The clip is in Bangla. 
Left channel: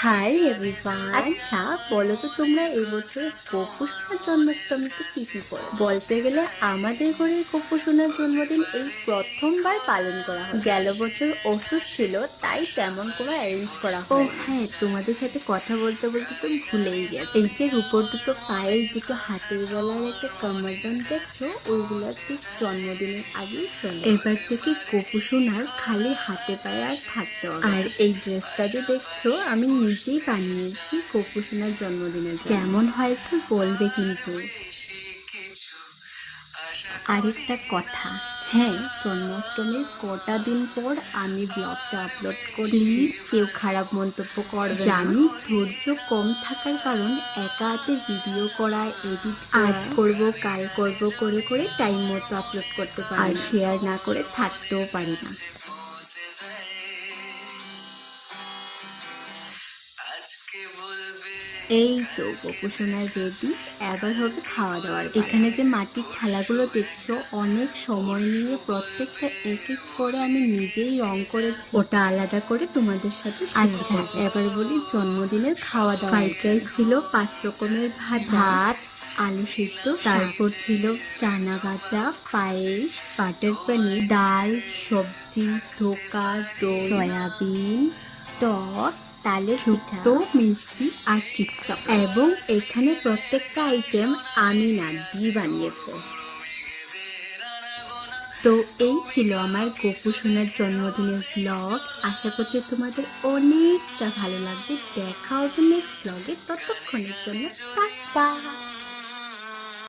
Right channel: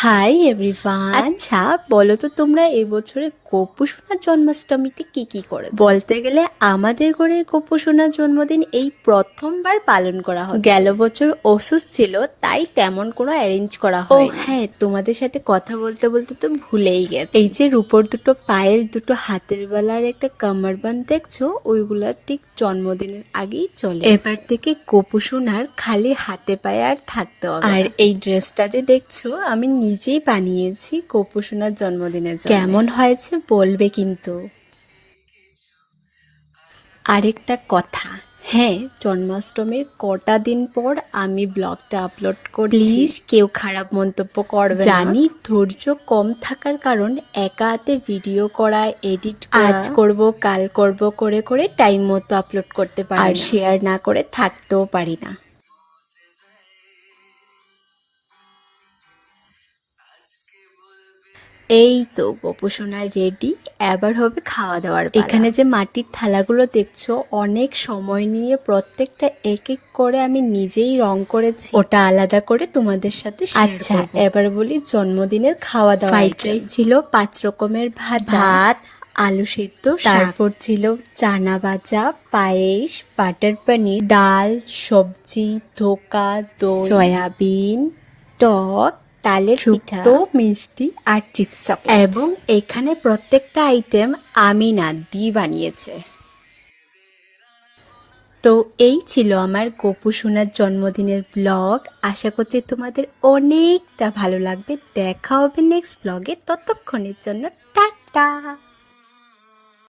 Hi everyone. আচ্ছা বলো তো, তোমরা এবছরে গপু সোনার জন্মাষ্টমীতে কি কি করে? বলতে গেলে আমাদের ঘরে গপু সোনার জন্মদিন এই প্রথমবার পালন করা হয়। গেল বছর অসুস্থ ছিল, তাই তেমন কোনো অ্যারেঞ্জ করা হয়। ও হ্যাঁ, তোমাদের সাথে কথা বলতে বলতে তো ভুলেই গেছি। এই যে রূপোর দুটো পায়েল, দুটো হাতের বেলার একটা কামারবান্দ দেখছো, ওইগুলা ঠিক জন্মদিনের আগেই চলে। এবার থেকে গপু সোনার খালি হাতে পায়ে আর থাকতে হবে। আর এই ড্রেসটা যে দেখছো, আমি নিজেই বানিয়েছি গপু সোনার জন্মদিনের জন্য। কেমন হয়েছে বলবে কিন্তু। আরেকটা কথা, হ্যাঁ, জন্মাষ্টমীর কটা দিন পর আমি ব্লগটা আপলোড করি, প্লিজ কেউ খারাপ মন্তব্য করবে না। জানি ধৈর্য কম থাকার কারণ একা হাতে ভিডিও করা, এডিট আজ করব কাল করব করে করে টাইম মতো আপলোড করতে পারি, আর শেয়ার না করে থাকতেও পারি না। এই তো গপু সোনা রেডি, এবার হবে খাওয়া দাওয়ার পালা। এখানে যে মাটির থালাগুলো দেখছো, অনেক সময় নিয়ে প্রত্যেকটা এক এক করে আমি নিজেই রং করেছি, ওটা আলাদা করে তোমাদের সাথে। আচ্ছা এবার বলি জন্মদিনের খাওয়া দাওয়া। ফ্রাইড রাইস ছিল 5 রকমের ভাত, আলু সিদ্ধ, তারপর ছিল চানা ভাজা, পায়েস, বাটার পনির, ডাল, সবজি, ধোকা, দই, সয়াবিন, টক, তালের পিঠা, মিষ্টি আর চিপস। এবং এখানে প্রত্যেকটা আইটেম আমি না দি বানিয়েছে। তো এই ছিল আমার গপু সোনার জন্মদিনের ব্লগ। আশা করছি তোমাদের অনেকটা ভালো লাগবে। দেখা হবে নেক্সট ব্লগে, ততক্ষণের জন্য টাটা।